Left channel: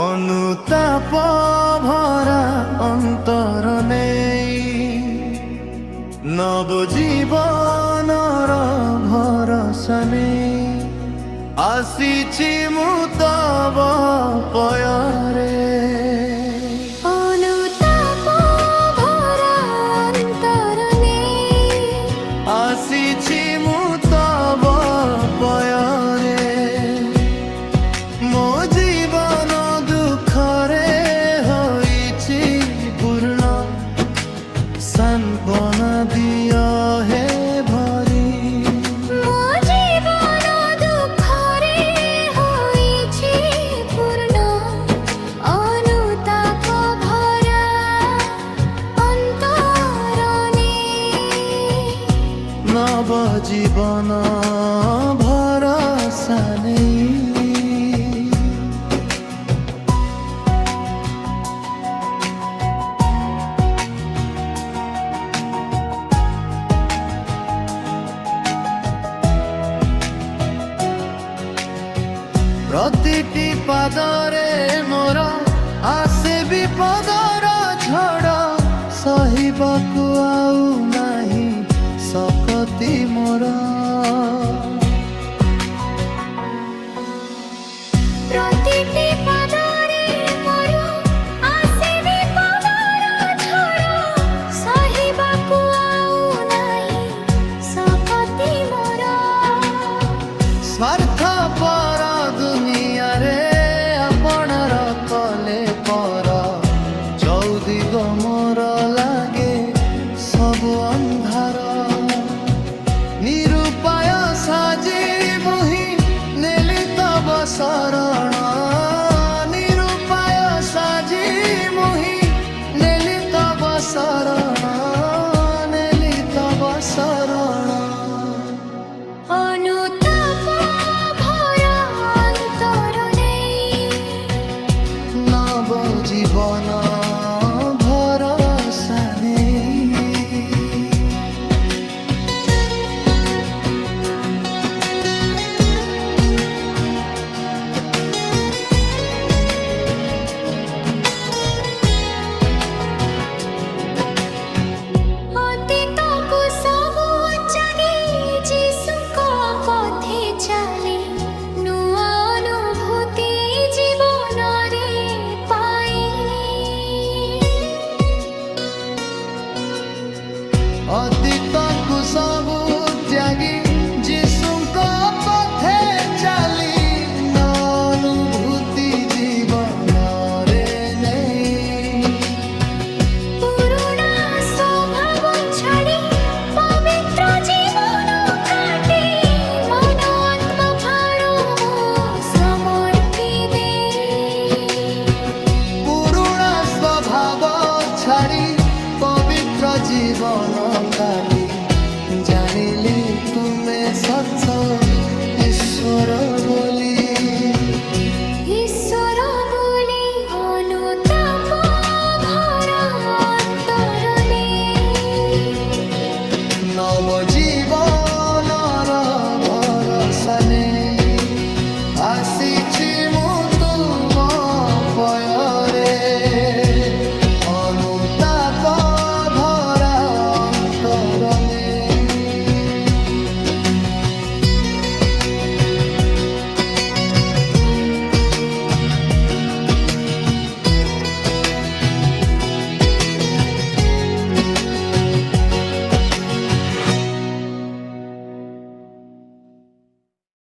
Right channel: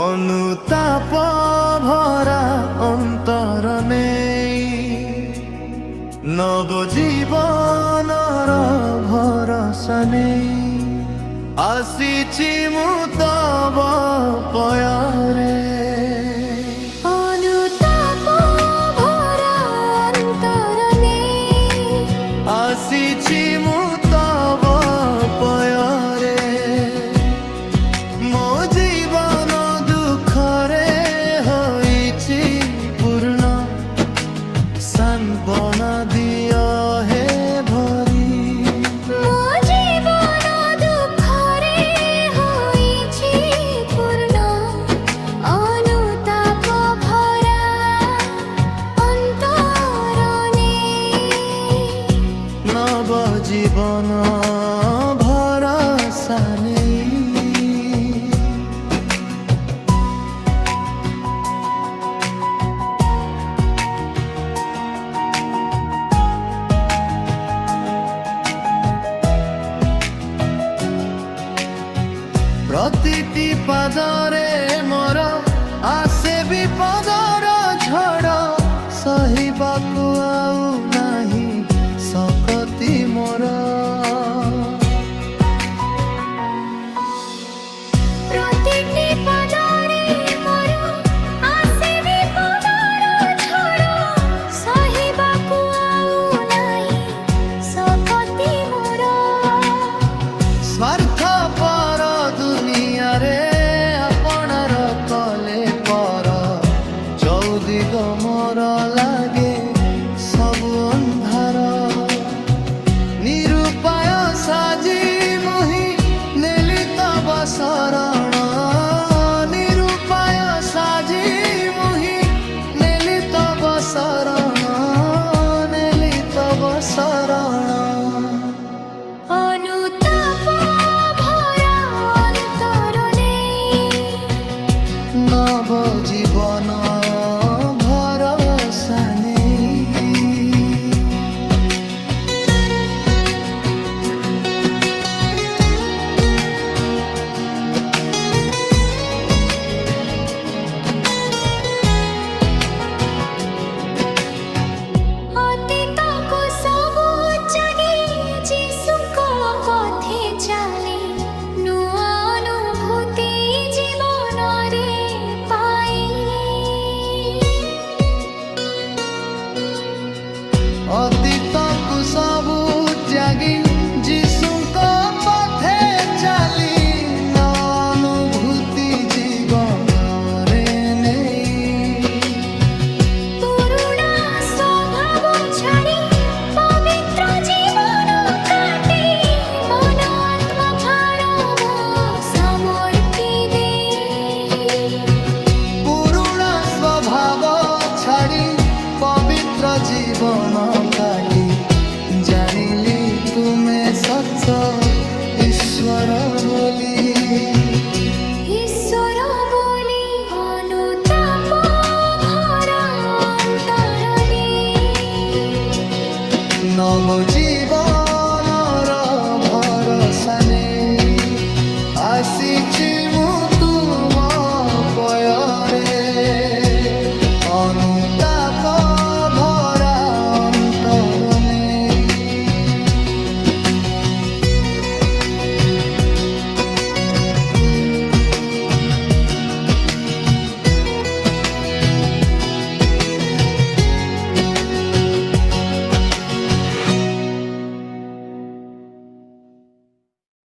অনুতাপ ভরা অন্তর নেই নবজীবনর ভরসা নেই আসিছি মু তব পୟରେ অনুতাপ ভরা অন্তর নেই আসিছি মু তব পୟରେ মো জীবন দুঃখরে হইছি পূর্ণ সান্ত্বনা দিয় হে ভরি ମୋ ଜୀବନ ଦୁଃଖରେ ହୋଇଛି ପୂର୍ଣ୍ଣ ଅନୁତାପ ଭରା ଅନ୍ତର ନେଇ নব জীবন ভরসা নেই প্রতিটি পাদরে মোর আসে বিপদর ঝড় সহিବାକୁ ଆଉ ନାହିଁ শক্তি মোর ପ୍ରତିଟି ପାଦରେ ମୋର ଆସେ ବିପଦର ଝଡ଼ ସହିବାକୁ ଆଉ ନାହିଁ ଶକ୍ତି ମୋର ସ୍ୱାର୍ଥପର ଦୁନିଆରେ ଆପଣାର କଲେ ପର ଚୌଦିଗ ମୋର ଲାଗେ ସବୁ ଅନ୍ଧାର ନିରୁପାୟ ସାଜି ମୁହିଁ ନେଲି ତବ ଶରଣ ନିରୁପାୟ ସାଜି ମୁହିଁ ନେଲି ତବ ଶରଣ ନେଲି ତବ ଶରଣ ଅନୁତାପ ଭରା ଅନ୍ତର ନେଇ নব জীবন ভরসা নেই ଅତୀତକୁ ସବୁ ଛାଡ଼ି ଯୀଶୁଙ୍କ ପଥେ ଚାଲି ନୂଆ ଅନୁଭୂତି ଜୀବନରେ ପାଇଲି ଅତୀତକୁ ସବୁ ତ୍ୟାଗୀ ଯୀଶୁଙ୍କ ପଥେ ଚାଲି ଅନୁଭୂତି ଜୀବନରେ ନେଇ ପୁରୁଣା ସ୍ୱଭାବ ଛାଡ଼ି ପବିତ୍ର ଜୀବନ କାଟି ମନ ଆତ୍ମା ପ୍ରାଣ ମୋ ସମର୍ପି ଦେଇ ପୁରୁଣା ସ୍ୱଭାବ ଛାଡ଼ି ପବିତ୍ର ଜୀବନ କାଟି ଜାଣିଲି ତୁମେ ସତ ଈଶ୍ୱର ବୋଲି ଈଶ୍ୱର ବୋଲି ଅନୁତାପ ଭରା ଅନ୍ତର ନେଇ নব জীবনর ভরসা নেই আসিছি মু তুম পୟରେ অনুতাপ